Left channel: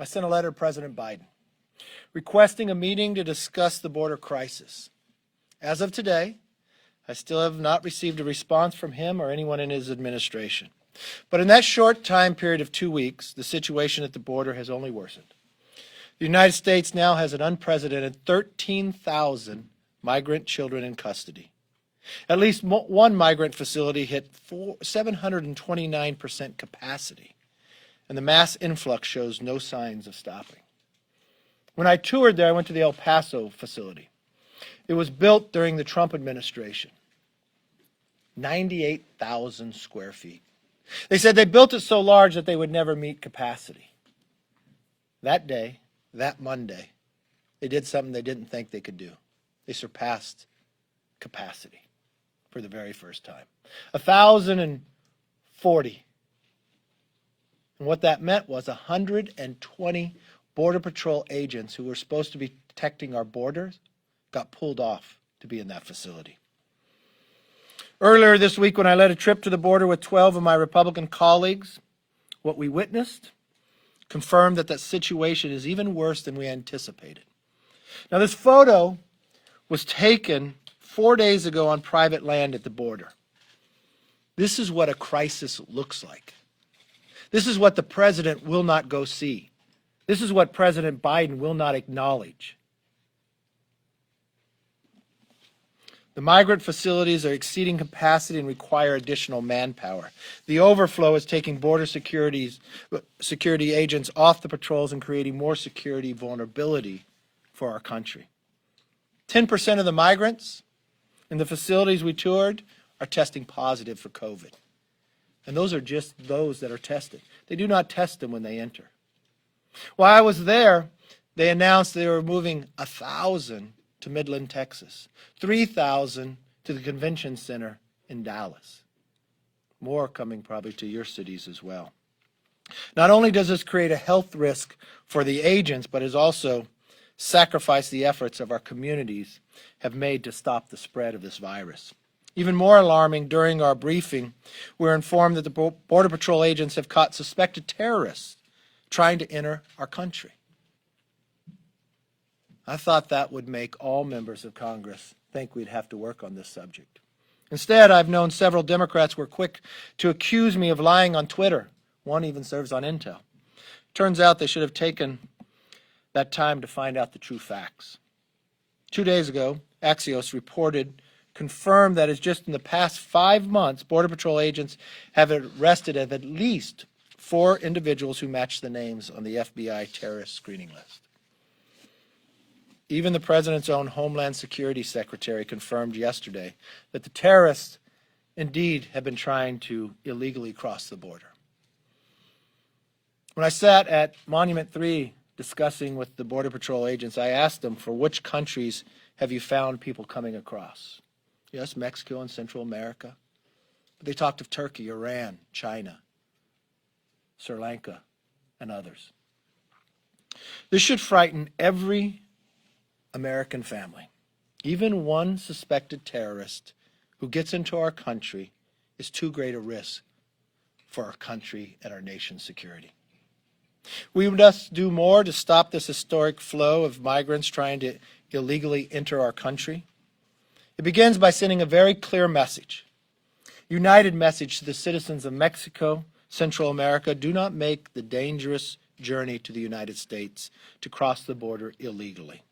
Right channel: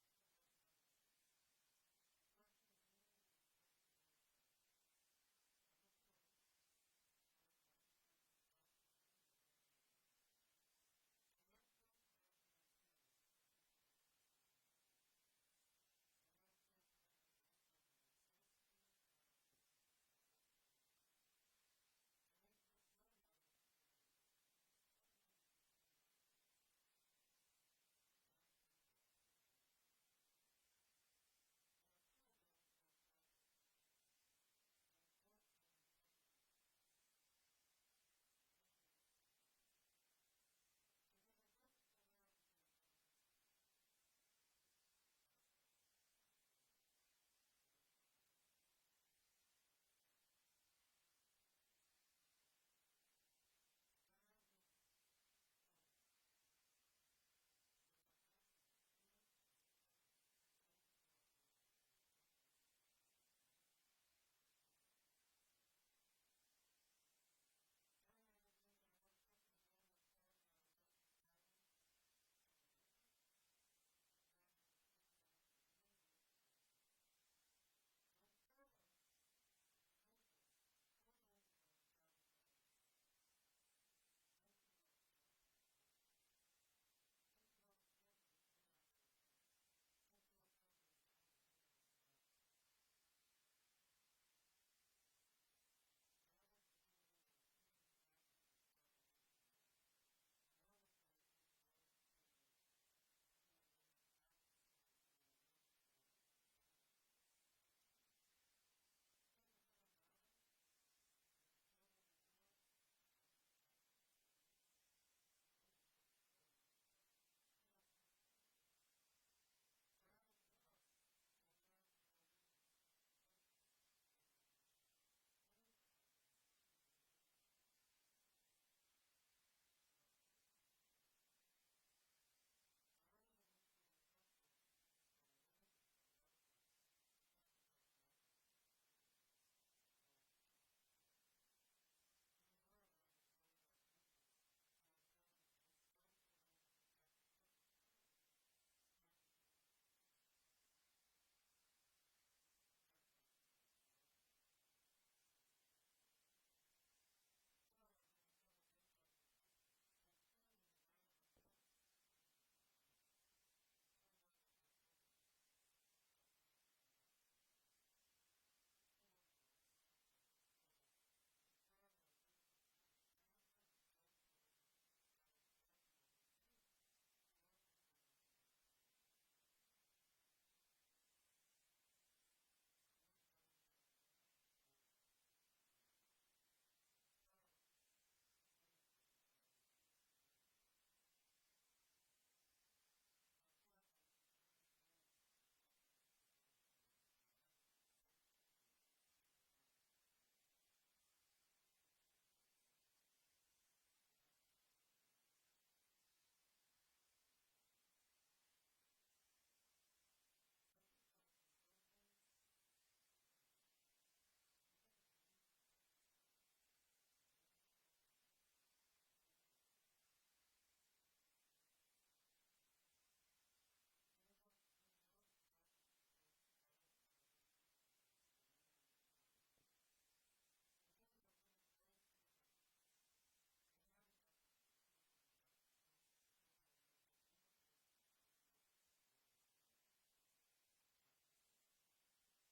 I sent a letter to President Biden requesting a meeting to discuss the border crisis. As of today, I still have not received a response from him or anyone in his administration. But in that short time period of 2 weeks, the situation at the border has only worsened. The United States now has an unprecedented 13,000 migrant children in custody. At least one migrant facility hit 729% capacity, and the mass influx shows no signs of stopping. When I toured there, I went to the El Paso facility. It was built during the Trump administration. 98,000 square feet. They said they built it so large that they would never meet capacity. That day, that Monday, they did something they didn't think they could do. They surpassed capacity for the very first time. 1,040. And what that meant was 120 Border Patrol agents who were supposed to be protecting our borders got pulled off to be in that facility. Earlier this week, when I led a trip to the border with 12 of my Republican colleagues, what we witnessed confirmed that that situation is even worse than we anticipated. Now, this photo was taken 4 days ago on private land at the border. This is what a crisis looks like. This is what the president will not go see. This is what President Biden will not acknowledge. The migrant facilities are exceeding capacity and require additional manpower. The overflow is taking border security agents off the patrols and creating more security vulnerability for our country. 10% of the migrants in the facilities we toured are testing positive for COVID. And those are just those that are tested. They do not test them when they enter. While I was there, they announced they were moving 1,000 to Midland, Texas, 3,000 to the convention center in Dallas. More coming probably to your cities as well. Not only does this create a health risk for the agents, but has also sacrificed the efforts of our communities have made to stop the spread of this virus. Even more alarming, during our briefing, we were informed that the Border Patrol agents have caught suspected terrorists trying to enter our country. I thought that would make all members of Congress think we'd have to work on this subject. Instead, I've known several Democrats were quick to accuse me of lying on Twitter. One even serves on Intel. Turns out they should have taken that time to find out the true facts. 2 days ago, Axios confirmed that it's just in the past 5 months, Border Patrol agents have arrested at least 4 individuals who match the names on the FBI terrorist screening list. Even the President's own Homeland Security Secretary confirmed yesterday that the terrorists indeed have been trying to illegally cross the border. When I sat at Monument 3 discussing with the Border Patrol agents, I asked them, for which countries have you found people coming across? Yes, Mexico and Central America. But they talked of Turkey, Iran, China, Sri Lanka, and others. This should frighten every American family. Even one suspected terrorist who gets into our country is too great a risk for our country and our nation's security. We must do more to stop this historic flow of migrants trying to illegally enter our country. It begins by sending a very clear message, united message to the citizens of Mexico, Central America: do not make the dangerous journey to the United States to cross the border illegally.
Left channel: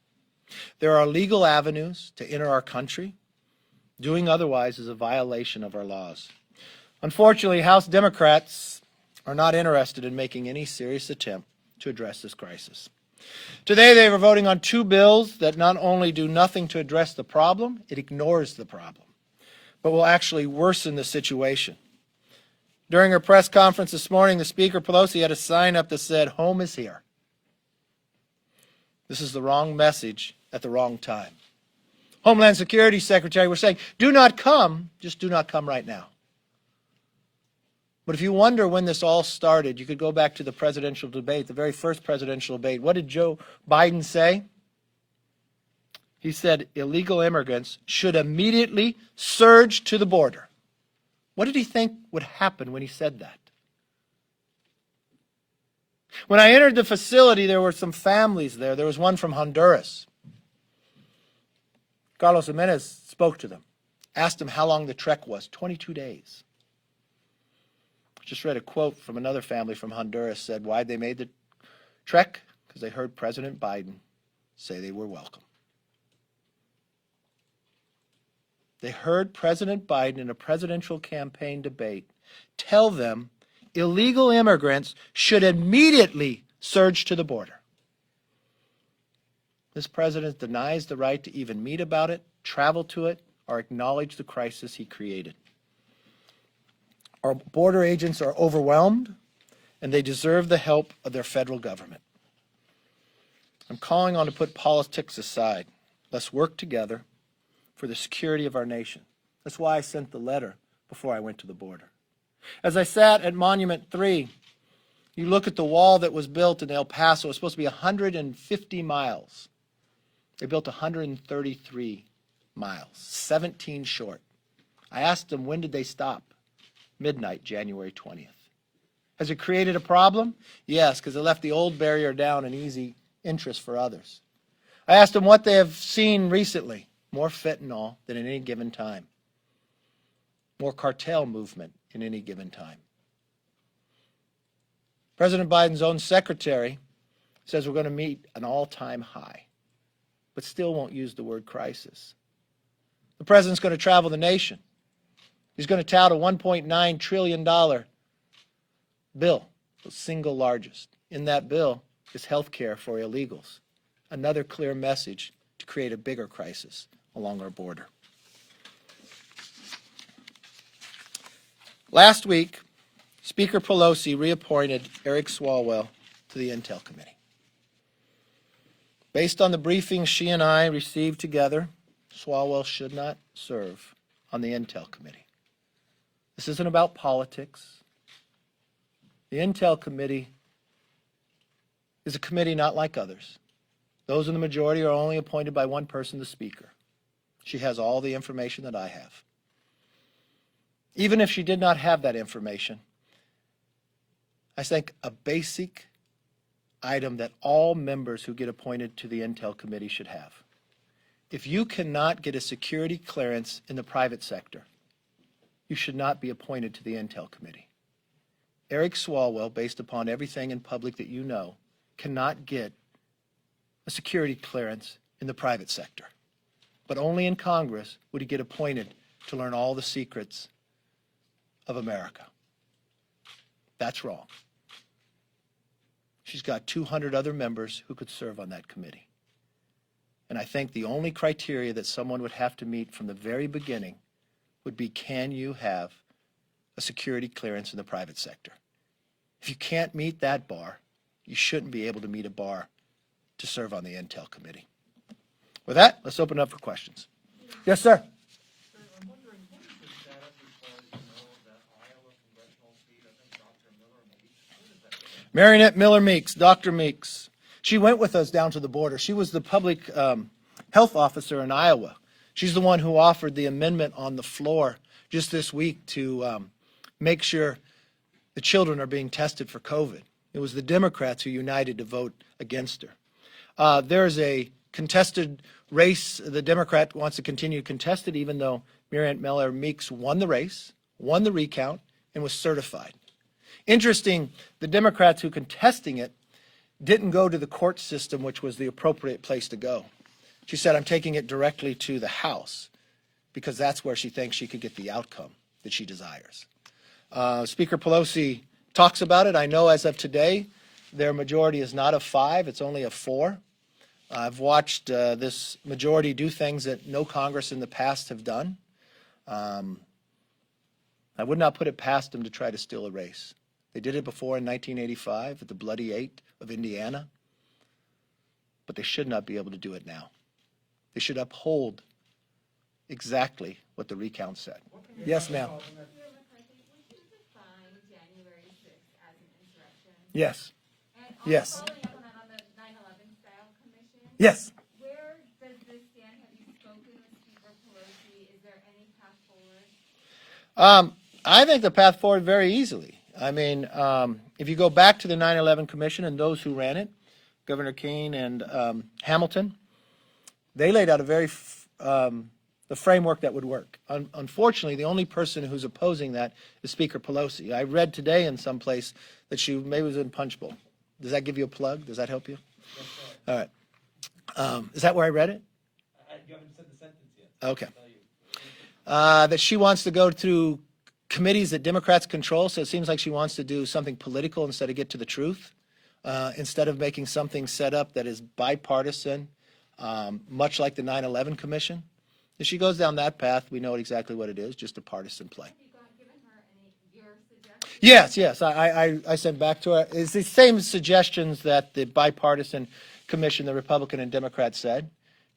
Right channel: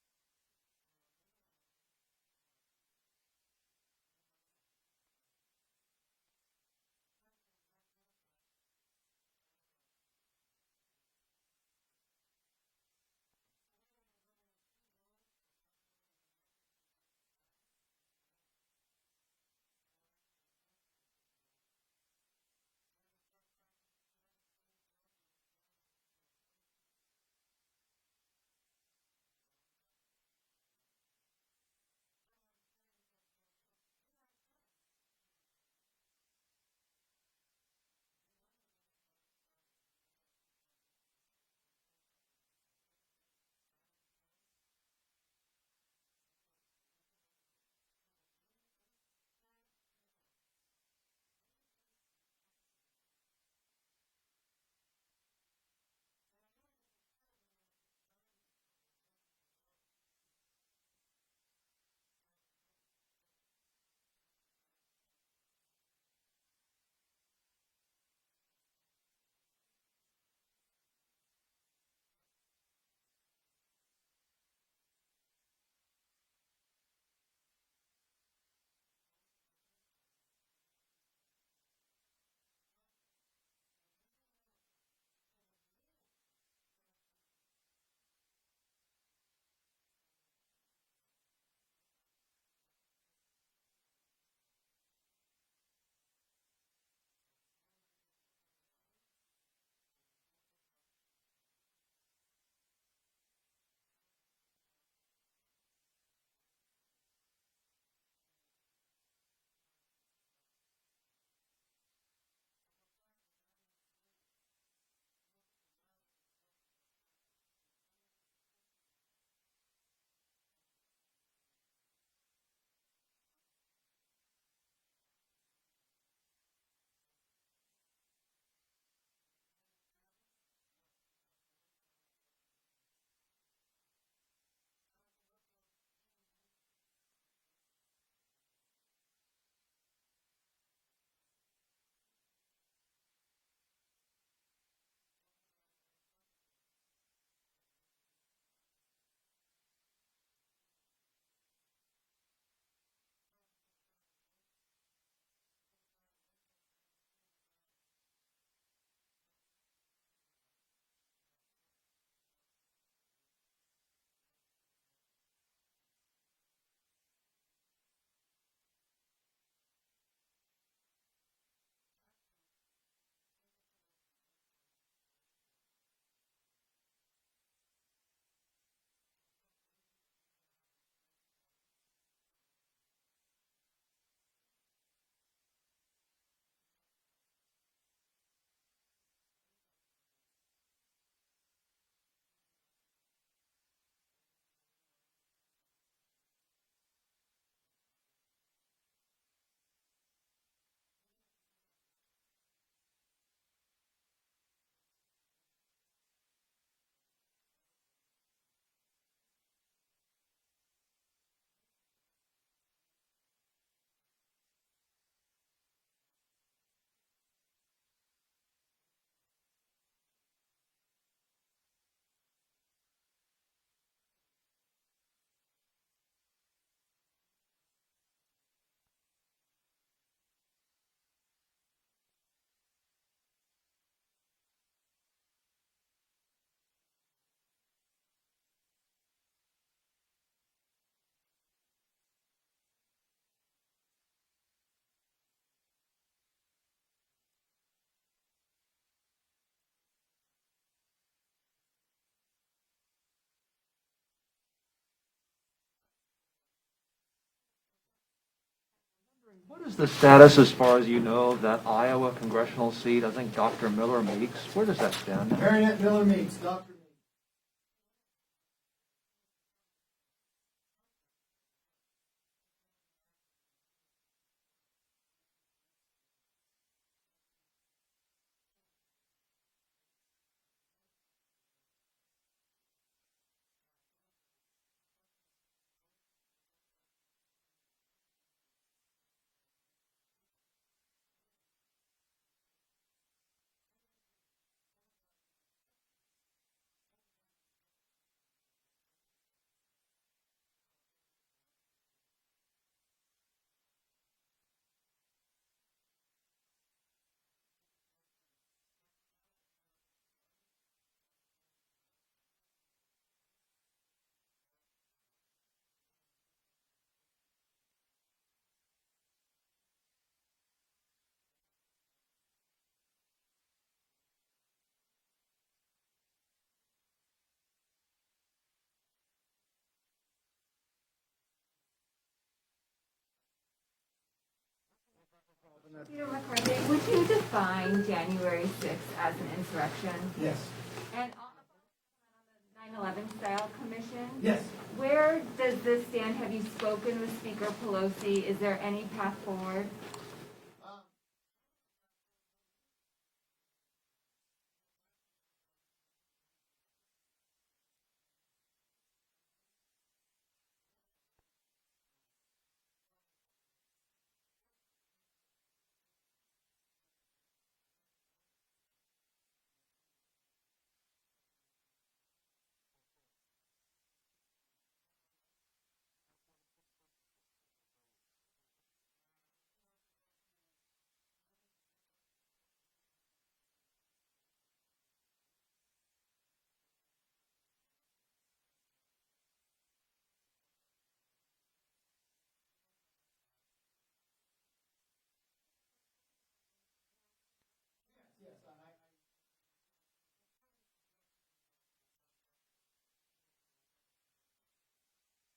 There are legal avenues to enter our country. Doing otherwise is a violation of our laws. Unfortunately, House Democrats are not interested in making any serious attempt to address this crisis. Today they are voting on 2 bills that not only do nothing to address the problem, it ignores the problem, but will actually worsen the situation. During her press conference this morning, the Speaker, Pelosi, had a sign up that said, "Home is here." This is the wrong message at the wrong time. Homeland Security Secretary was saying, do not come, just do not come right now. But if you wonder when this all started, you could go back to the presidential debate, the very first presidential debate. What did Joe Biden say? He said illegal immigrants should immediately surge to the border. What did he think would happen when he said that? When I entered the facility, there were some families there. There was one from Honduras. Carlos Jimenez spoke to them, asked them how long the trek was, 22 days. Just read a quote from another family from Honduras, said why they made the trek, because they heard President Biden say they were welcome. They heard President Biden in a presidential campaign debate tell them illegal immigrants should immediately surge to the border. This president denies the right to even meet about it, travel to it, or acknowledge the crisis he created. Our border agents are overwhelmed, and they deserve the help of their federal government. I'm calling on to put politics aside. Let's work together for the security of our nation. That's why I sent the letter before I went to the border. As I sat at Monument 3, you look at the wall that was built in El Paso. It was supposed to be 150 miles. They built 133 miles, 17 short. I asked them, when did they stop? Midnight, January 20th. Has it created a problem? Yes, because it left the old barrier down and easy interest for others. I asked them what they have seen recently. More fentanyl than at any given time. More cartel movement in any given time. President Biden's own secretary says we're going to meet an all-time high, but still won't use the word crisis. The president's going to travel the nation. He's going to tout a $1.9 trillion bill, the single largest. In that bill is health care for illegals. Another clear message to create a bigger crisis along our border. Last week, Speaker Pelosi reappointed Eric Swalwell to the Intel Committee. Based on the briefings she and I received together, Swalwell should not serve on the Intel Committee. This isn't about politics. The Intel Committee is a committee not like others. Those in the majority are only appointed by one person, the Speaker. She has all the information that I have. Even if she did not have that information, I think a basic item that all members who get appointed to the Intel Committee should have. If you cannot get a security clearance in the private sector, you should not be appointed to the Intel Committee. Eric Swalwell, based upon everything in public that you know, cannot get a security clearance in the private sector. But only in Congress would he get appointed to learn all the secrets of America. That's wrong. She's got 200 other members who could serve on that committee. And I think the only criteria that someone would have to meet from the very beginning would be, can you have a security clearance in the private sector? If you can't meet that bar, you shouldn't be able to meet a bar to serve on the Intel Committee. With that, let's open it up for questions. Yes, sir. What is the status, as far as you know, of that Iowa congressional seat? I think Dr. Miller Meeks. Where does that stand? Marinette Miller Meeks, Dr. Meeks. She went with us down to the border. She was the public health officer in Iowa. She's the one who offered the amendment on the floor just this week to make sure the children are being tested for COVID. It was the Democrats who united to vote against her. There's a contested race. The Democrat wants to continue contested, even though Marinette Miller Meeks won the race, won the recount, and was certified. Interesting, the Democrats who contesting it didn't go to the court system, which was the appropriate place to go. She said, I'm taking it directly to the House because that's where she thinks she could get the outcome that she desires. Speaker Pelosi talks about it. I know as of today, their majority is not of 5, it's only of 4. I've watched this majority do things that no Congress in the past have done. I would not put it past them to try to steal a race. They did it before in 1985 at the Bloody Eight of Indiana, but they should not be able to do it now. They should uphold exactly what the recount said. Yes, ma'am. McCarthy, would you define January 6th as an insurrection? Yes. And Yes. following up on the 9/11 style commission, Yes. where does this stand? Have you spoken with Speaker Pelosi? Is there any path forward? I think the path forward very easily. I mean, if you go back to the 9/11 Commission and those who ran it, Governor Keane and Hamilton, they laid out a the framework that would work. Unfortunately, the only person who's opposing that is Speaker Pelosi. I read today in some place that she maybe was in Punchbowl. Does that give you a plug? Does that help you? Yes, All right. Is that where I read it? you haven't said the sentence yet. Okay. That she wants to go through committees that Democrats control, so it seems like she wants to do something political instead of get to the truth, instead of making something set up that is bipartisan, much like the 9/11 Commission. If she goes down that path, we know exactly what it is, just a partisan play. Have you given her any of your suggestions? Yes. I sent back to her. It's the same suggestions that the bipartisan commission, the Republican and Democrat said.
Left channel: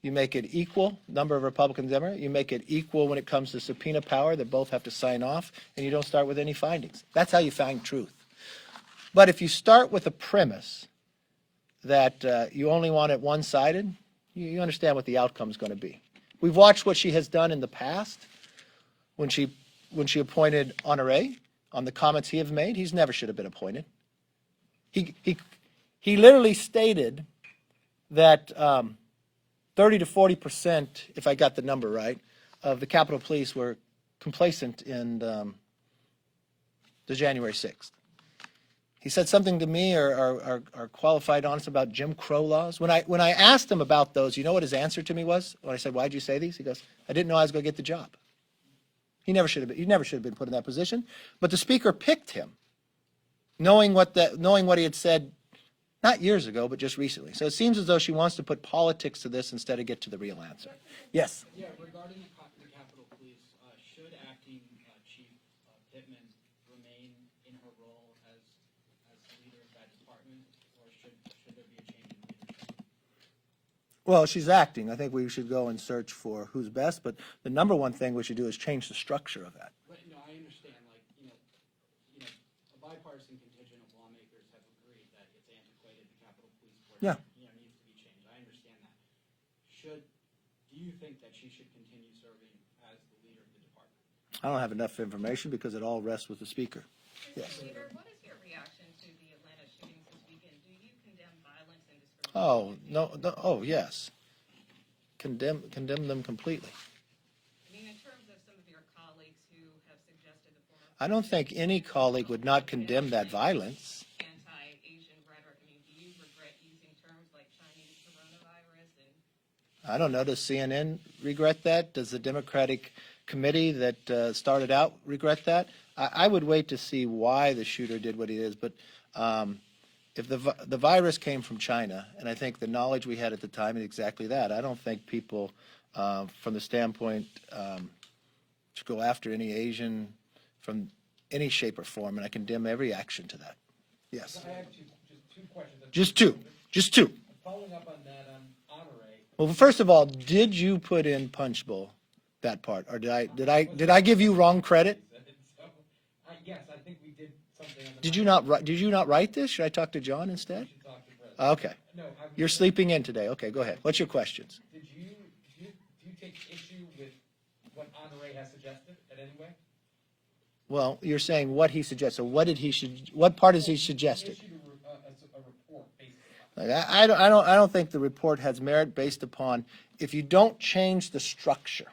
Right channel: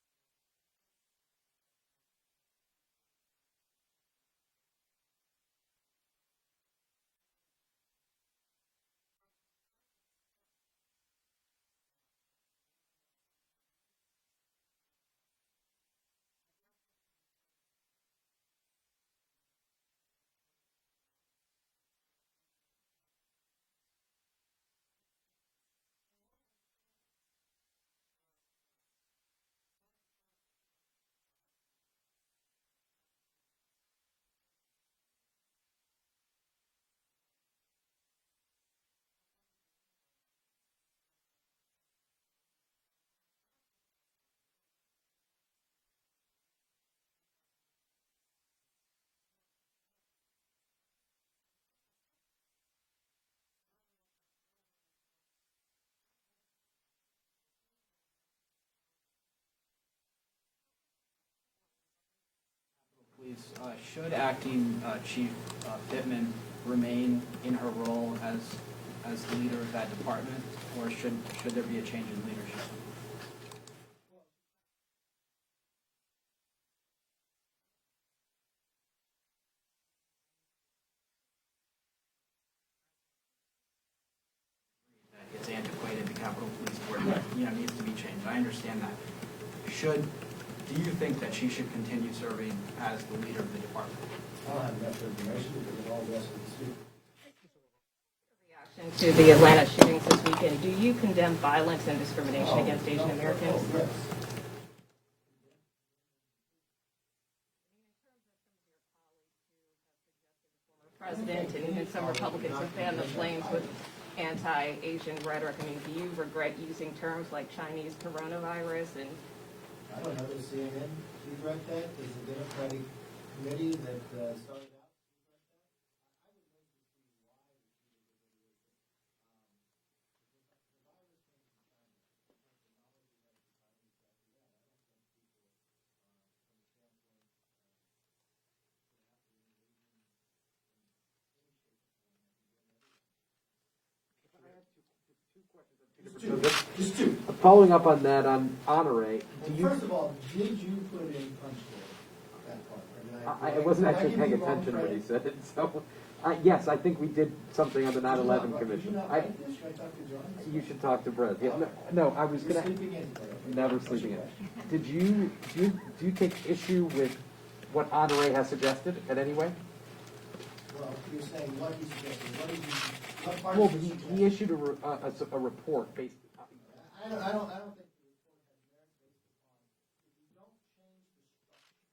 You make it equal, number of Republicans and Democrats. You make it equal when it comes to subpoena power that both have to sign off, and you don't start with any findings. That's how you find truth. But if you start with a premise that you only want it one-sided, you understand what the outcome is going to be. We've watched what she has done in the past when she appointed Honore on the comments he have made. He's never should have been appointed. He literally stated that 30 to 40%, if I got the number right, of the Capitol Police were complacent in the January 6th. He said something to me or qualified honest about Jim Crow laws. When I asked him about those, you know what his answer to me was? When I said, "Why'd you say these?" He goes, "I didn't know I was going to get the job." He never should have been put in that position. But the speaker picked him, knowing what he had said, not years ago, but just recently. So it seems as though she wants to put politics to this instead of get to the real answer. Yes. Yeah, regarding the Capitol Police, should acting Chief Pittman remain in her role as the leader of that department, or should there be a change in leadership? Well, she's acting. I think we should go and search for who's best, but the number one thing we should do is change the structure of that. But, no, I understand, a bipartisan contingent of lawmakers have agreed that it's antiquated, the Capitol Police Board, needs to be changed. I understand that. Do you think that she should continue serving as the leader of the department? I don't have enough information because it all rests with the speaker. Yes. Leader, what is your reaction to the Atlanta shootings this weekend? Do you condemn violence and discrimination against Asian Americans? Oh, yes. Condemn them completely. I mean, in terms of some of your colleagues who have suggested the former I don't think president any used the colleague would not Republican condemn that family violence. with Anti-Asian rhetoric. I mean, do you regret using terms like Chinese coronavirus and? I don't know. Does CNN regret that? Does the Democratic committee that started out regret that? I would wait to see why the shooter did what he did. But if the virus came from China, and I think the knowledge we had at the time is exactly that, I don't think people, from the standpoint, should go after any Asian from any shape or form, and I condemn every action to that. Yes. I have just two questions. Just two. Following up on that, on Honore. Well, first of all, did you put in Punchbowl that part, or did I wasn't I actually give you paying wrong attention credit? when he said it, so, yes, I think we did something on the 9/11 Did you not write this? Should I talk to John You instead? should talk to Brett. Okay. No, I was. You're gonna- sleeping in today. Okay, go No, I ahead. was What's your sleeping in. questions? Did do you take issue with what Honore has suggested in any way? Well, you're saying what he suggested. What part is he He suggesting? issued a report based. Like, I don't think the report has merit based upon, if you don't change the structure,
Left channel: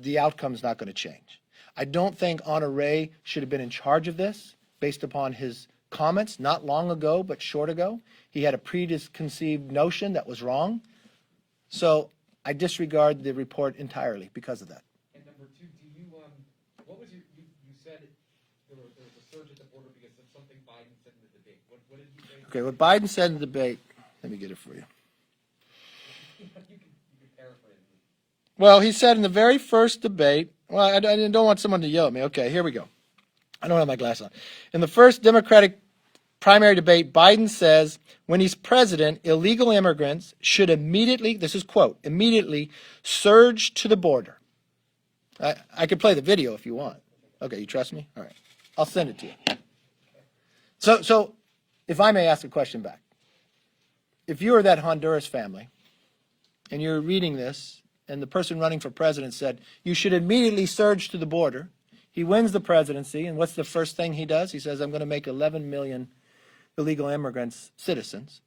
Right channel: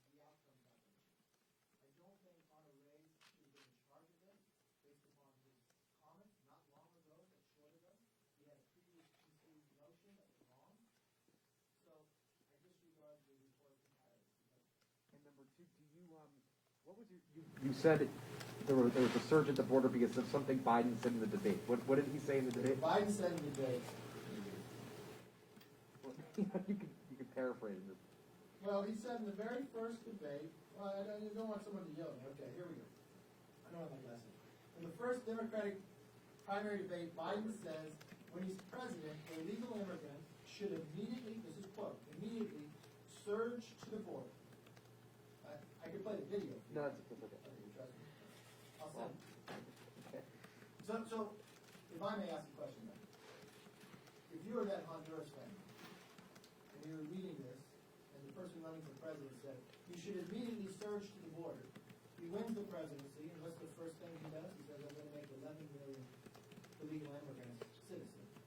the outcome's not going to change. I don't think Honore should have been in charge of this based upon his comments, not long ago, but short ago. He had a preconceived notion that was wrong. So I disregard the report entirely because of that. And number two, what was You said there was a surge at the border because of something Biden said in the debate. What did he say in the Okay, debate? what Biden said in the debate, let me get it for you. you can paraphrase it. Well, he said in the very first debate, well, I don't want someone to yell at me. Okay, here we go. I don't have my glasses on. In the first Democratic primary debate, Biden says when he's president, illegal immigrants should immediately, this is quote, immediately surge to the border. I could play the video if you want. Okay, you trust me? All right. I'll send it to you. So if I may ask a question back. If you are that Honduras family and you're reading this and the person running for president said, you should immediately surge to the border, He wins the presidency, and what's the first thing he does? He says, I'm going to make 11 million illegal immigrants citizens.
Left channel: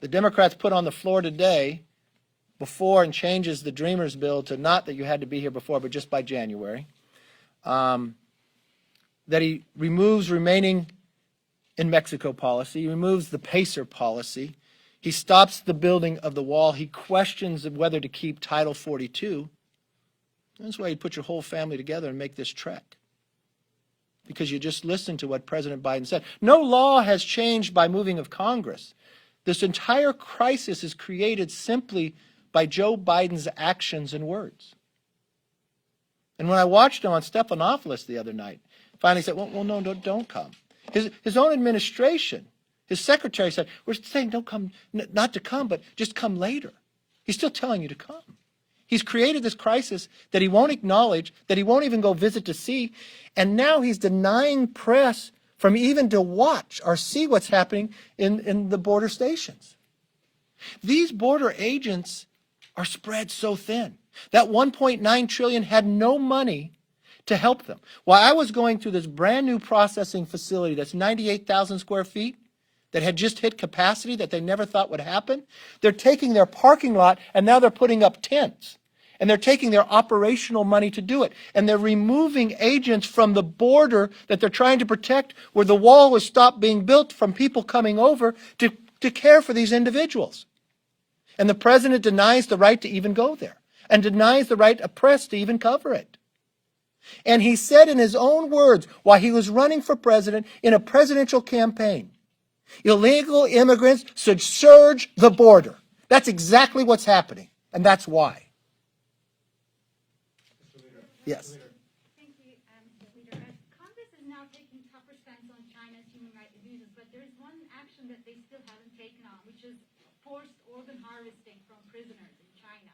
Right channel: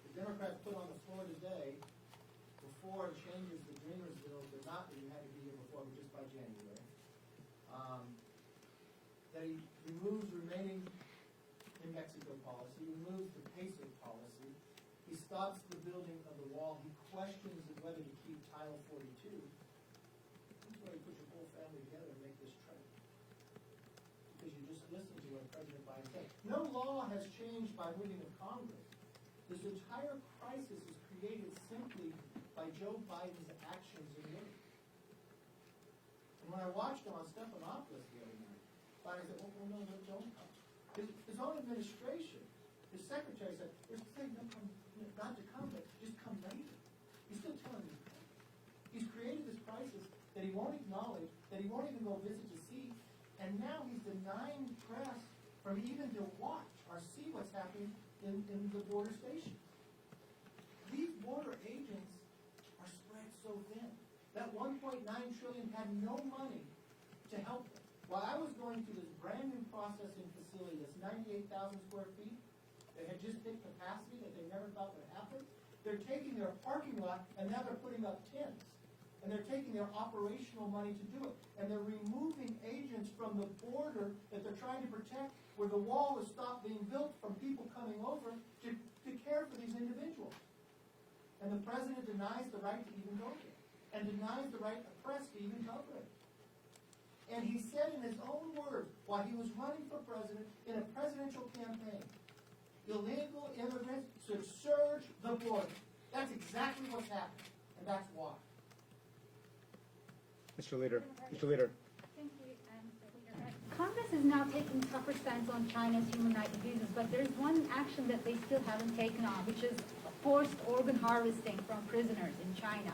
The Democrats put on the floor today, before and changes the Dreamers bill to not that you had to be here before, but just by January, that he removes remaining in Mexico policy, he removes the PACER policy, he stops the building of the wall, he questions whether to keep Title 42. That's why you put your whole family together and make this trek. Because you just listened to what President Biden said. No law has changed by moving of Congress. This entire crisis is created simply by Joe Biden's actions and words. And when I watched him on Stephanopoulos the other night, finally said, well no, don't come. His own administration, his secretary said, we're saying don't come, not to come, but just come later. He's still telling you to come. He's created this crisis that he won't acknowledge, that he won't even go visit to see, and now he's denying press from even to watch or see what's happening in the border stations. These border agents are spread so thin. That $1.9 trillion had no money to help them. While I was going through this brand new processing facility that's 98,000 square feet, that had just hit capacity that they never thought would happen, they're taking their parking lot and now they're putting up tents. And they're taking their operational money to do it. And they're removing agents from the border that they're trying to protect, where the wall was stopped being built from people coming over to care for these individuals. And the president denies the right to even go there, and denies the right of press to even cover it. And he said in his own words, while he was running for president in a presidential campaign, illegal immigrants should surge the border. That's exactly what's happening, and that's why. Mr. Leader. Yes. Mr. Leader. Thank you, Mr. Leader. Congress is now taking tougher stance on China's human rights abuses, but there's one action that they still haven't taken on, which is forced organ harvesting from prisoners in China.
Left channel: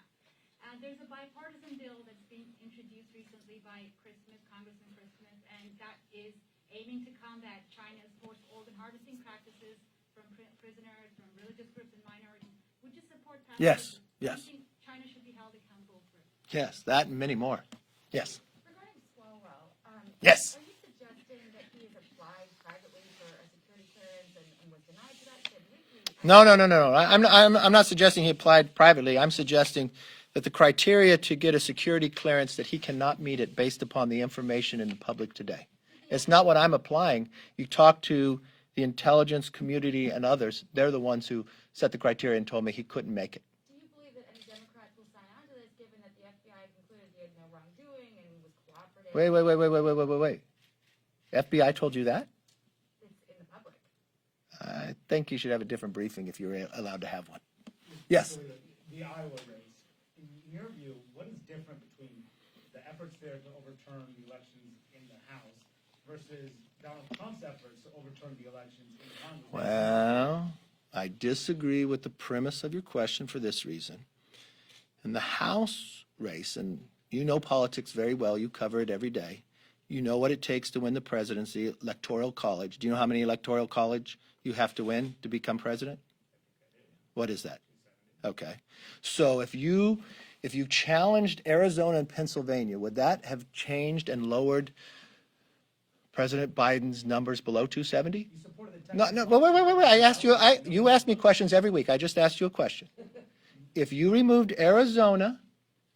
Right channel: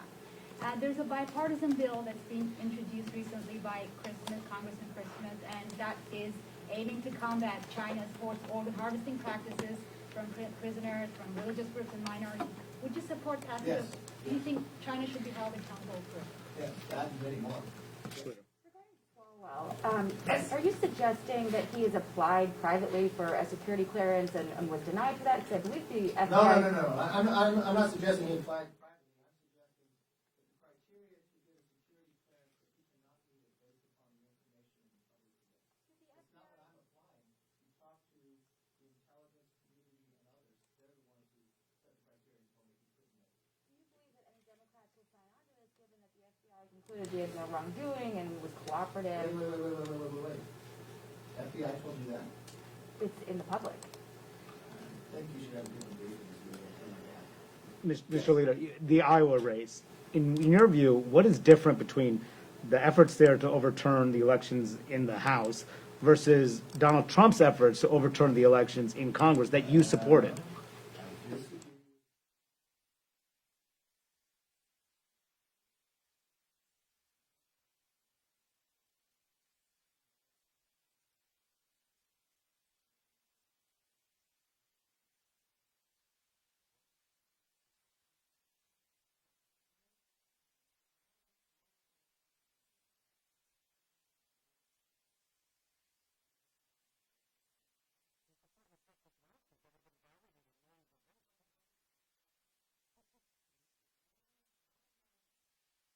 There's a bipartisan bill that's been introduced recently by Congressman Chris Smith, and that is aiming to combat China's forced organ harvesting practices from prisoners, from religious groups and minorities. Would you support that? Yes, Do yes. you think China should be held accountable for it? Yes, that and many more. Yes. Regarding Swalwell, Yes. are you suggesting that he has applied privately for a security clearance and was denied for that? Because I believe the No. FBI I'm not suggesting he applied privately. I'm suggesting that the criteria to get a security clearance, that he cannot meet it based upon the information in the public today. It's not what I'm applying. You talk to the intelligence community and others. They're the ones who set the criteria and told me he couldn't make it. Do you believe that any Democrats will sign on to this, given that the FBI concluded he has no wrongdoing and was cooperative? Wait. FBI told you that? It's in the public. I think you should have a different briefing if you're allowed to have one. Mr. Yes. Leader, the Iowa race. In your view, what is different between the efforts there to overturn the elections in the House versus Donald Trump's efforts to overturn the elections in Congress that you supported? Well, I disagree with the premise of your question for this reason. In the House race, and you know politics very well, you cover it every day. You know what it takes to win the presidency, electoral college. Do you know how many electoral college you have to win to become president? What is that? Okay. So if you challenged Arizona and Pennsylvania, would that have changed and lowered President Biden's numbers below 270? No, wait. I asked you, you ask me questions every week. I just asked you a question. If you removed Arizona,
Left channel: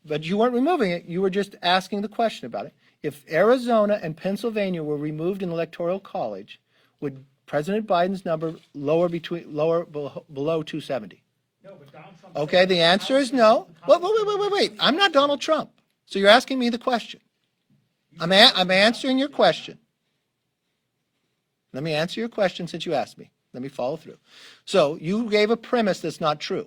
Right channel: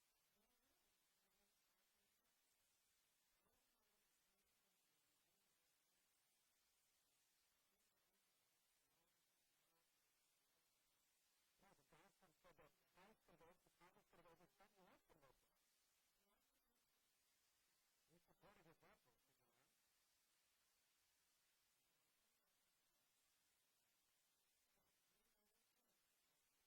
but you weren't removing it, you were just asking the question about it. If Arizona and Pennsylvania were removed in the Electoral College, would President Biden's number lower below 270? No, but Donald Trump. Okay, the answer is no. Wait. I'm not Donald Trump. So you're asking me the question. I'm answering your question. Let me answer your question since you asked me. Let me follow through. So you gave a premise that's not true.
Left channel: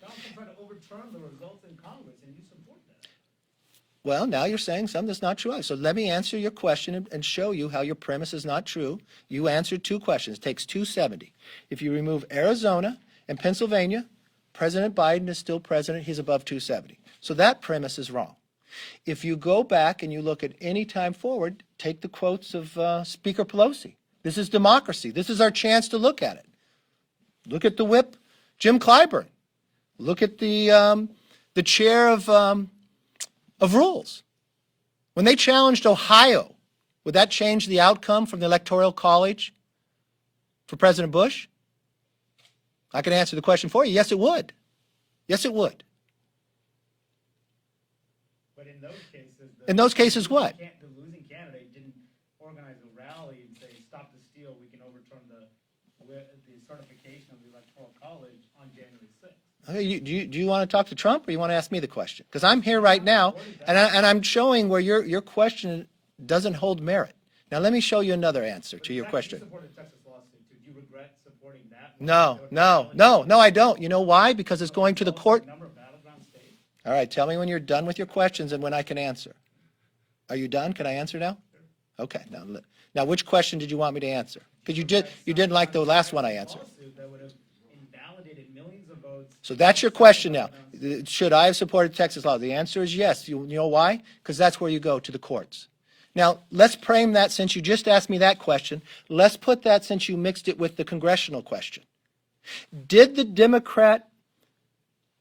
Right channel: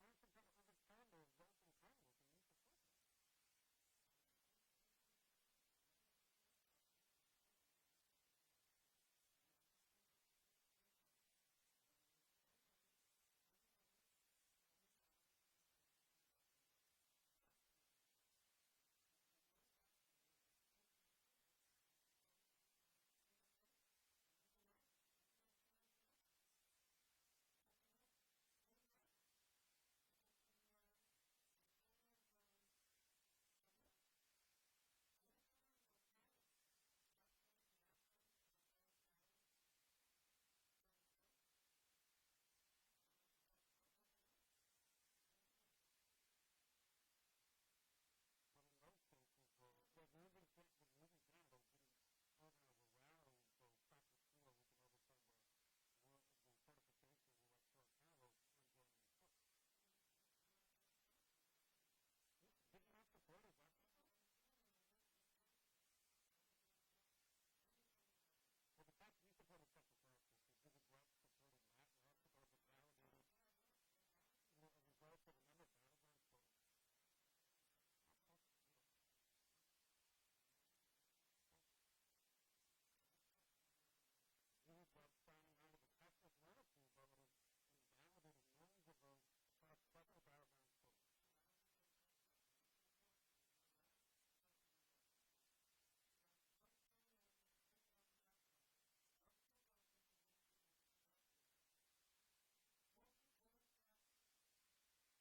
Donald Trump tried to overturn the results in Congress, and you support that. Well, now you're saying something that's not true. So let me answer your question and show you how your premise is not true. You answered two questions. It takes 270. If you remove Arizona and Pennsylvania, President Biden is still president. He's above 270. So that premise is wrong. If you go back and you look at any time forward, take the quotes of Speaker Pelosi. This is democracy. This is our chance to look at it. Look at the whip, Jim Clyburn. Look at the chair of rules. When they challenged Ohio, would that change the outcome from the Electoral College for President Bush? I can answer the question for you. Yes, it would. Yes, it would. But in those cases. In those cases, what? The losing candidate didn't organize a rally and say, stop the steal, we can overturn the certification of the Electoral College on January 6th. Okay, do you want to talk to Trump, or you want to ask me the question? Because I'm here right now, and I'm showing where your question doesn't hold merit. Now, let me show you another answer to your question. You supported Texas lawsuit. Do you regret supporting that? No, I don't. You know why? Because it's going to the court. Number of battleground states? All right, tell me when you're done with your questions and when I can answer. Are you done? Can I answer now? Okay. Now, which question did you want me to answer? Because you didn't like the last one I answered. Lawsuit that would have invalidated millions of votes. So that's your question now. Should I have supported Texas law? The answer is yes. You know why? Because that's where you go, to the courts. Now, let's frame that, since you just asked me that question. Let's put that, since you mixed it with the congressional question. Did the Democrat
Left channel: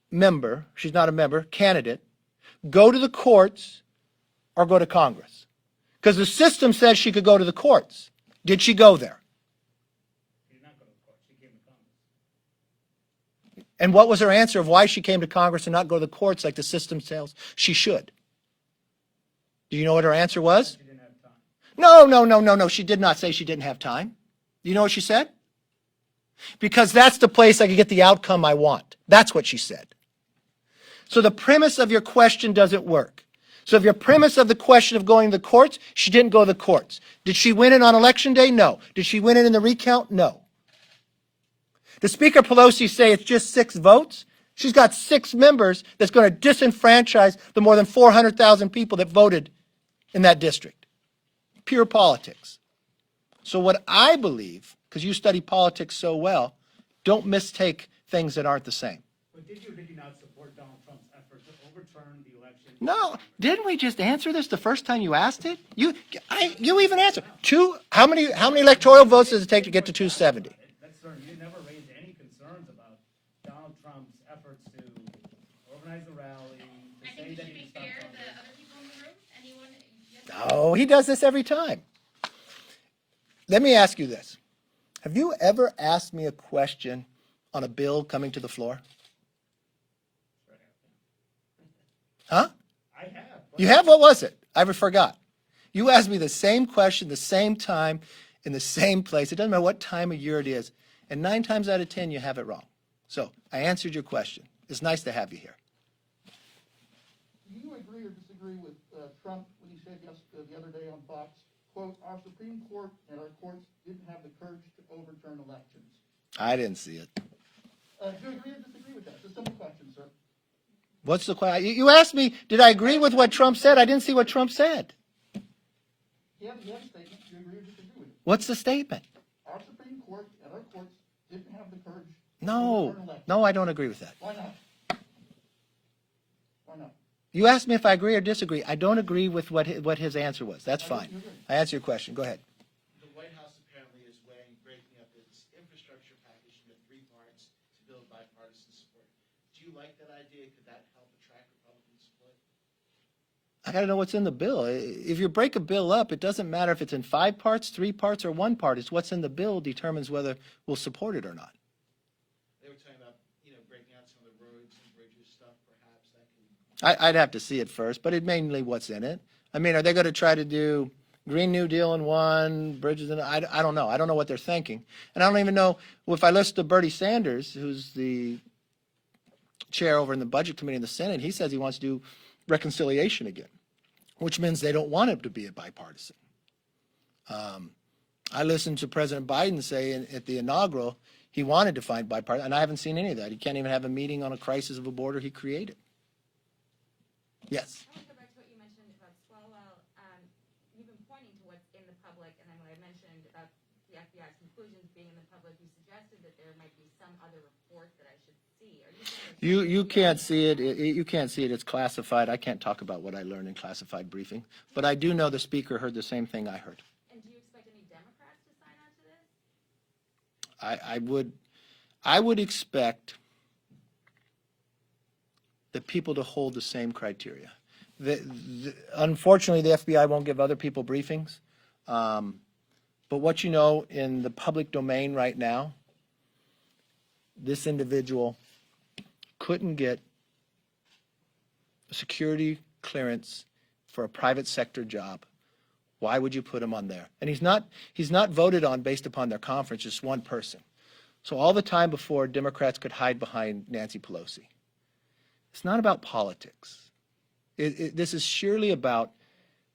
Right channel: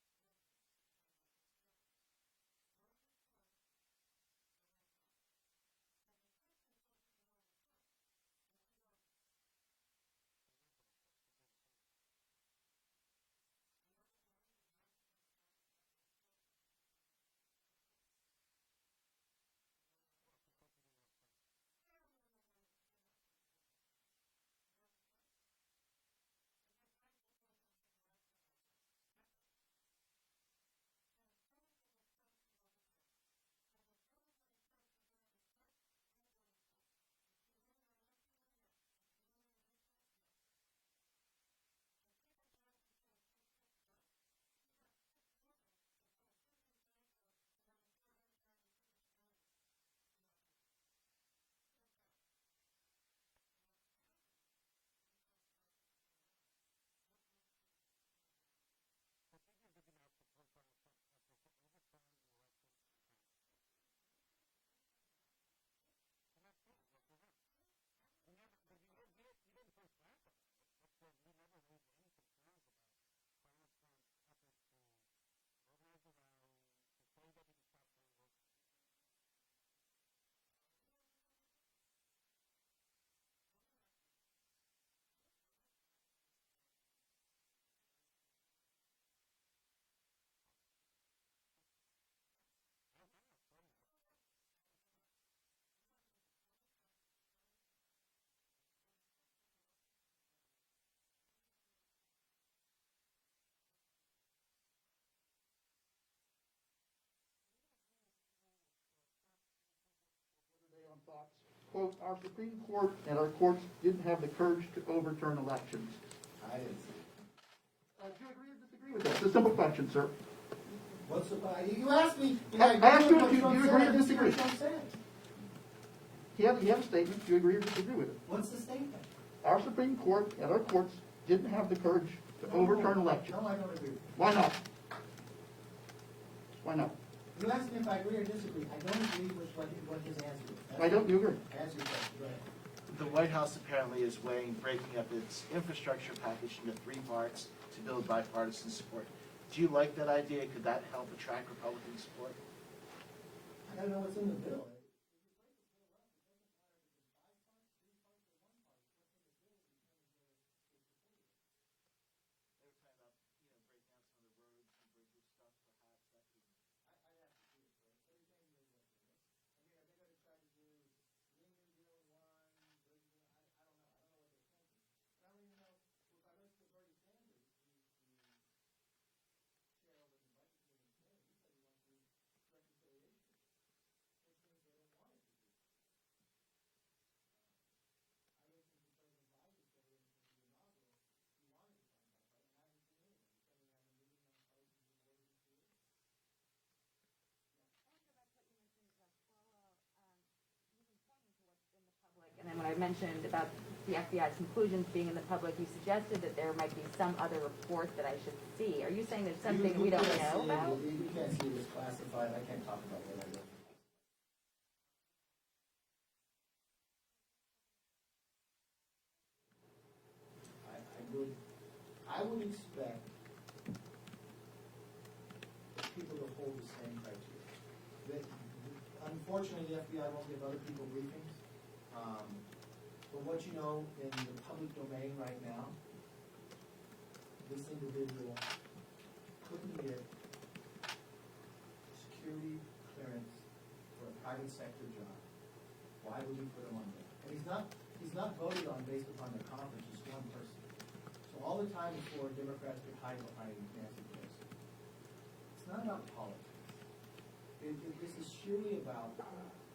member, she's not a member, candidate, go to the courts or go to Congress? Because the system says she could go to the courts. Did she go there? She did not go to the court. She came to Congress. And what was her answer of why she came to Congress and not go to the courts like the system tells she should? Do you know what her answer was? She didn't have time. No. She did not say she didn't have time. Do you know what she said? Because that's the place I can get the outcome I want. That's what she said. So the premise of your question doesn't work. So if your premise of the question of going to the courts, she didn't go to the courts. Did she win it on Election Day? No. Did she win it in the recount? No. Does Speaker Pelosi say it's just 6 votes? She's got 6 members that's going to disenfranchise the more than 400,000 people that voted in that district. Pure politics. So what I believe, because you study politics so well, don't mistake things that aren't the same. But did you or did you not support Donald Trump's effort to overturn the election? No, didn't we just answer this the first time you asked it? You even answered. How many electoral votes does it take to get to 270? That's certain. You never raised any concerns about Donald Trump's efforts to organize a rally, to say that he would stop Congress. No, he does this every time. Let me ask you this. Have you ever asked me a question on a bill coming to the floor? Huh? I have. You have? What was it? I forgot. You asked me the same question, the same time, in the same place. It doesn't matter what time of year it is. And 9 times out of 10, you have it wrong. So I answered your question. It's nice to have you here. Do you agree or disagree with Trump when he said the other day on Fox, quote, our Supreme Court and our courts didn't have the courage to overturn elections? I didn't see it. Do you agree or disagree with that? It's a simple question, sir. What's the question? You asked me, did I agree with what Trump said? I didn't see what Trump said. He has a statement. Do you agree or disagree with it? What's the statement? Our Supreme Court and our courts didn't have the courage to overturn elections. No, I don't agree with that. Why not? Why not? You asked me if I agree or disagree. I don't agree with what his answer was. That's Why fine. don't you agree? I answered your question. Go ahead. The White House apparently is weighing breaking up its infrastructure package into 3 parts to build bipartisan support. Do you like that idea? Could that help attract Republican support? I got to know what's in the bill. If you break a bill up, it doesn't matter if it's in 5 parts, 3 parts, or 1 part. It's what's in the bill determines whether we'll support it or not. They were talking about, breaking out some of the roads and bridges stuff, perhaps. That could... I'd have to see it first, but it mainly what's in it. I mean, are they going to try to do Green New Deal in 1, bridges in? I don't know. I don't know what they're thinking, and I don't even know if I listen to Bernie Sanders, who's the chair over in the Budget Committee in the Senate. He says he wants to do reconciliation again, which means they don't want it to be a bipartisan. I listened to President Biden say at the inaugural he wanted to find bipartisan, and I haven't seen any of that. He can't even have a meeting on a crisis of a border he created. Yes. I want to go back to what you mentioned about Swalwell. You've been pointing to what's in the public, and then when I mentioned about the FBI's conclusions being in the public, you suggested that there might be some other report that I should see. Are you saying there's something You we can't don't see know it. about? You can't see it. It's classified. I can't talk about what I learned in classified briefing. But I do know the speaker heard the same thing I heard. And do you expect any Democrats to sign on to this? I would expect the people to hold the same criteria. Unfortunately, the FBI won't give other people briefings. But what you know in the public domain right now, this individual couldn't get security clearance for a private sector job. Why would you put him on there? And he's not voted on based upon their conference, just one person. So all the time before, Democrats could hide behind Nancy Pelosi. It's not about politics. This is surely about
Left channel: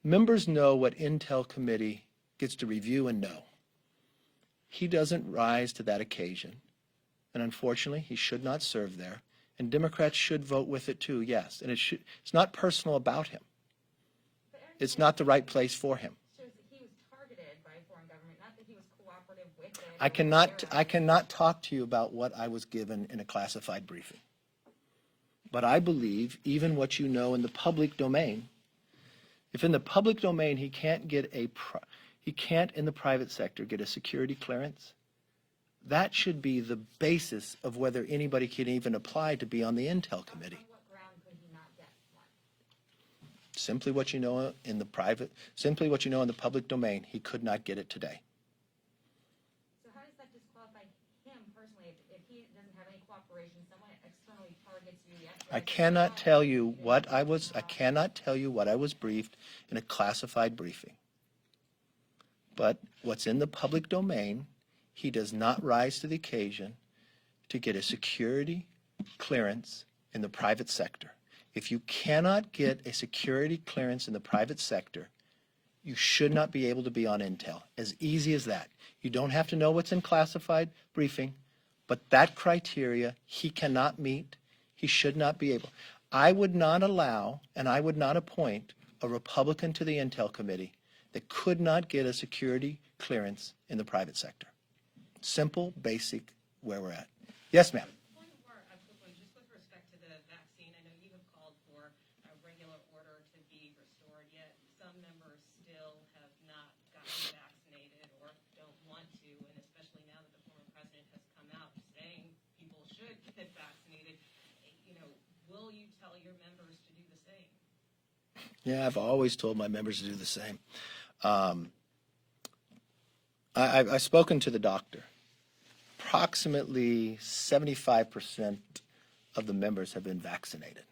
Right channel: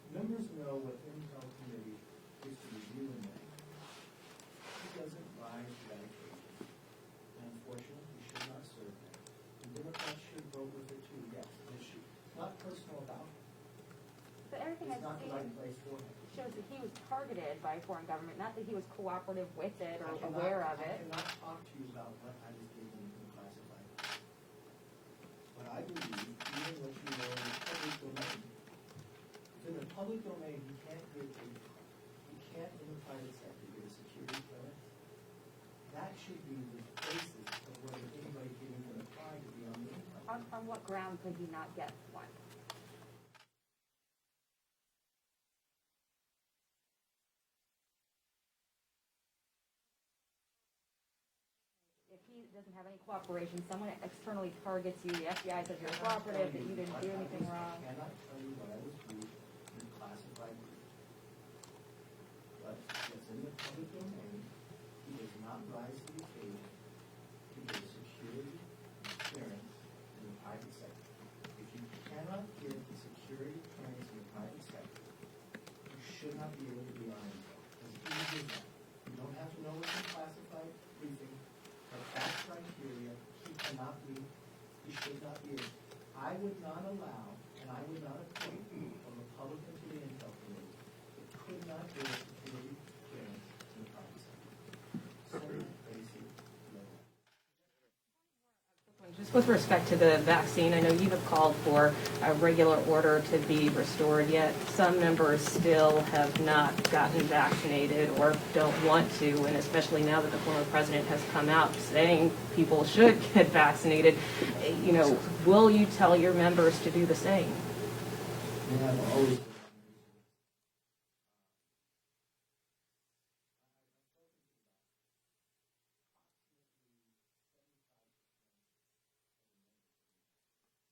members know what Intel Committee gets to review and know. He doesn't rise to that occasion. And unfortunately, he should not serve there. And Democrats should vote with it too, yes. And it's not personal about him. It's not the right place for him. Shows that he was targeted by a foreign government, not that he was cooperative with it. I cannot talk to you about what I was given in a classified briefing. But I believe even what you know in the public domain, if in the public domain he can't in the private sector get a security clearance, that should be the basis of whether anybody can even apply to be on the Intel Committee. On what ground could he not get one? Simply what you know in the public domain, he could not get it today. So how does that disqualify him personally? If he doesn't have any cooperation, someone externally targets you, the FBI. I cannot tell you what I was briefed in a classified briefing. But what's in the public domain, he does not rise to the occasion to get a security clearance in the private sector. If you cannot get a security clearance in the private sector, you should not be able to be on Intel. As easy as that. You don't have to know what's in classified briefing, but that criteria he cannot meet. He should not be able. I would not allow and I would not appoint a Republican to the Intel Committee that could not get a security clearance in the private sector. Simple, basic, where we're at. Yes, ma'am. Just with respect to the vaccine, I know you have called for a regular order to be restored, yet some members still have not gotten vaccinated or don't want to, and especially now that the former president has come out saying people should get vaccinated, will you tell your members to do the same? Yeah, I've always told my members to do the same. I've spoken to the doctor. Approximately 75% of the members have been vaccinated.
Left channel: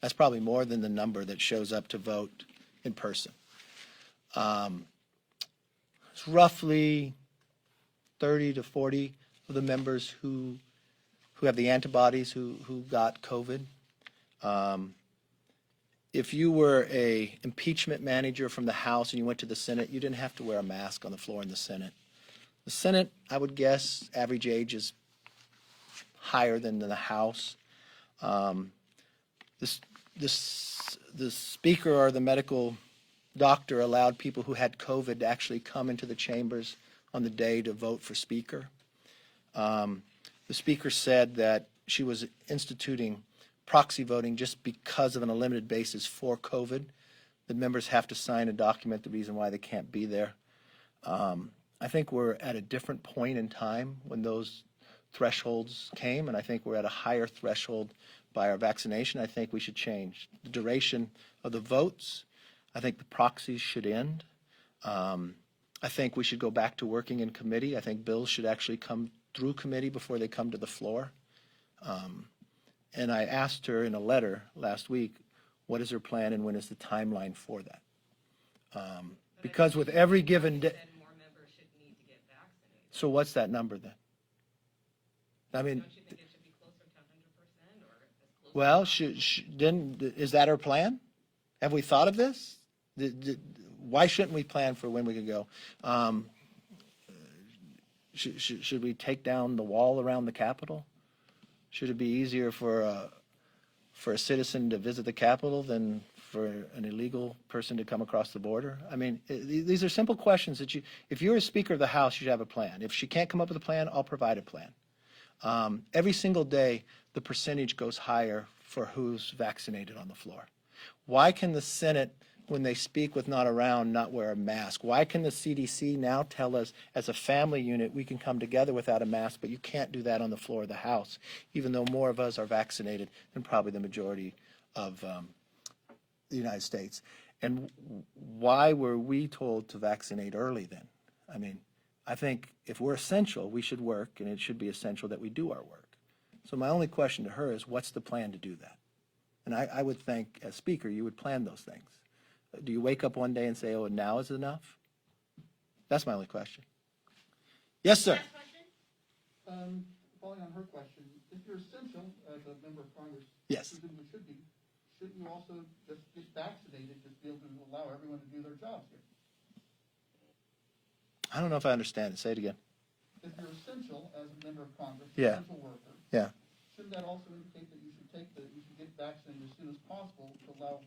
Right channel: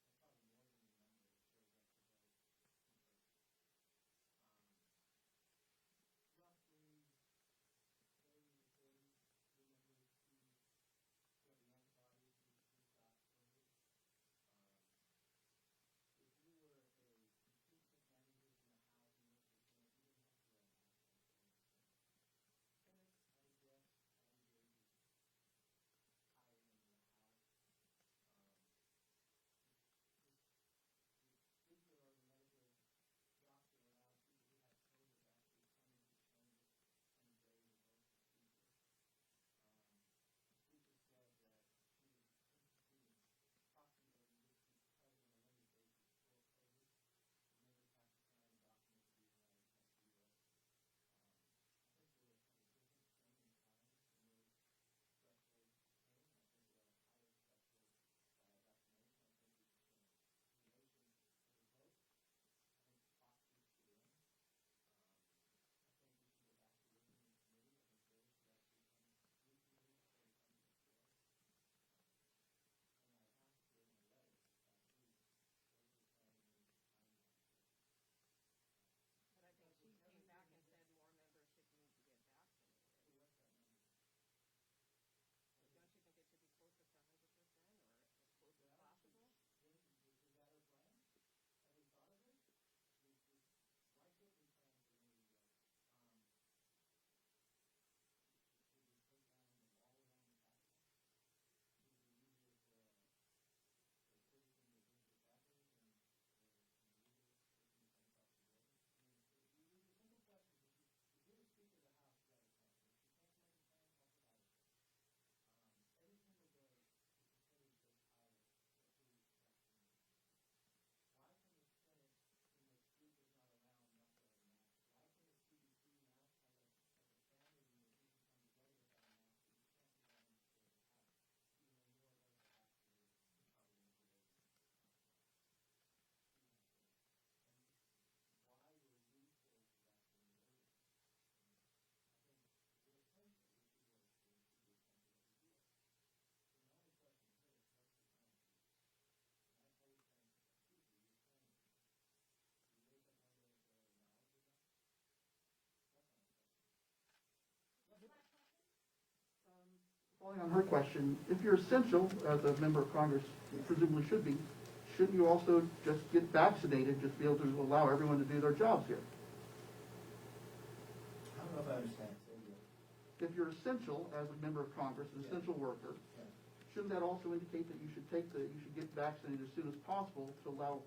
That's probably more than the number that shows up to vote in person. It's roughly 30 to 40 of the members who have the antibodies who got COVID. If you were a impeachment manager from the House and you went to the Senate, you didn't have to wear a mask on the floor in the Senate. The Senate, I would guess, average age is higher than the House. The speaker or the medical doctor allowed people who had COVID to actually come into the chambers on the day to vote for speaker. The speaker said that she was instituting proxy voting just because of an unlimited basis for COVID. The members have to sign a document, the reason why they can't be there. I think we're at a different point in time when those thresholds came, and I think we're at a higher threshold by our vaccination. I think we should change the duration of the votes. I think the proxies should end. I think we should go back to working in committee. I think bills should actually come through committee before they come to the floor. And I asked her in a letter last week, what is her plan and when is the timeline for that? Because with every given day, so what's that number then? I mean, well, then is that our plan? Have we thought of this? Why shouldn't we plan for when we could go? Should we take down the wall around the Capitol? Should it be easier for a citizen to visit the Capitol than for an illegal person to come across the border? I mean, these are simple questions that if you're a Speaker of the House, you should have a plan. If she can't come up with a plan, I'll provide a plan. Every single day, the percentage goes higher for who's vaccinated on the floor. Why can the Senate, when they speak with not around, not wear a mask? Why can the CDC now tell us as a family unit we can come together without a mask, but you can't do that on the floor of the House, even though more of us are vaccinated than probably the majority of the United States. And why were we told to vaccinate early then? I mean, I think if we're essential, we should work, and it should be essential that we do our work. So my only question to her is, what's the plan to do that? And I would think, as Speaker, you would plan those things. Do you wake up one day and say, oh, now is enough? That's my only question. Yes, sir. Following on her question, if you're essential as a member of Congress, Yes. presumably should be, shouldn't you also just get vaccinated, just be able to allow everyone to do their jobs here? I don't know if I understand it. Say it again. If you're essential as a member of Congress, an Yeah. essential worker, Yeah. shouldn't that also indicate that you should get vaccinated as soon as possible to allow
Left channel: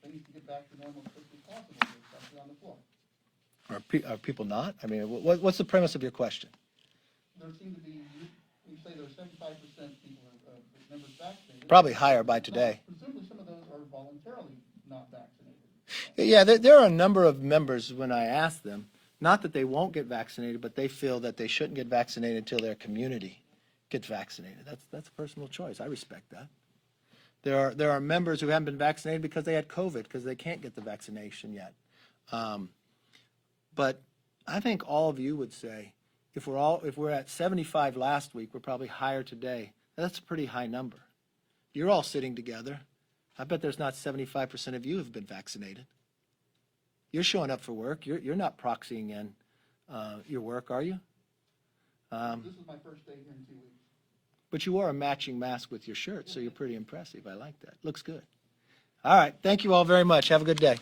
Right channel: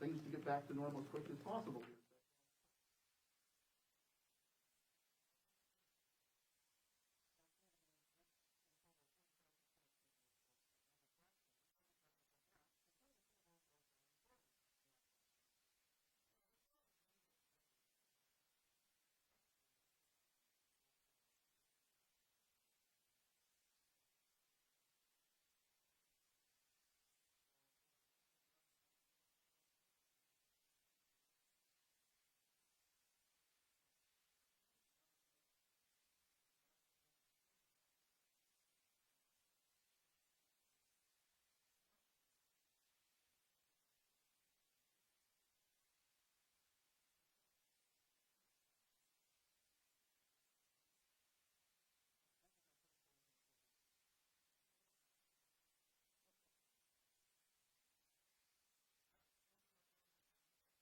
things to get back to normal as quickly as possible, especially on the floor? Are people not? I mean, what's the premise of your question? There seem to be, you say there's 75% people members vaccinated. Probably higher by today. Presumably some of those are voluntarily not vaccinated. Yeah, there are a number of members, when I ask them, not that they won't get vaccinated, but they feel that they shouldn't get vaccinated until their community gets vaccinated. That's a personal choice. I respect that. There are members who haven't been vaccinated because they had COVID, because they can't get the vaccination yet. But I think all of you would say, if we're at 75 last week, we're probably higher today. That's a pretty high number. You're all sitting together. I bet there's not 75% of you have been vaccinated. You're showing up for work. You're not proxying in your work, are you? This is my first day here in 2 weeks. But you wore a matching mask with your shirt, so you're pretty impressive. I like that. Looks good. All right. Thank you all very much. Have a good day.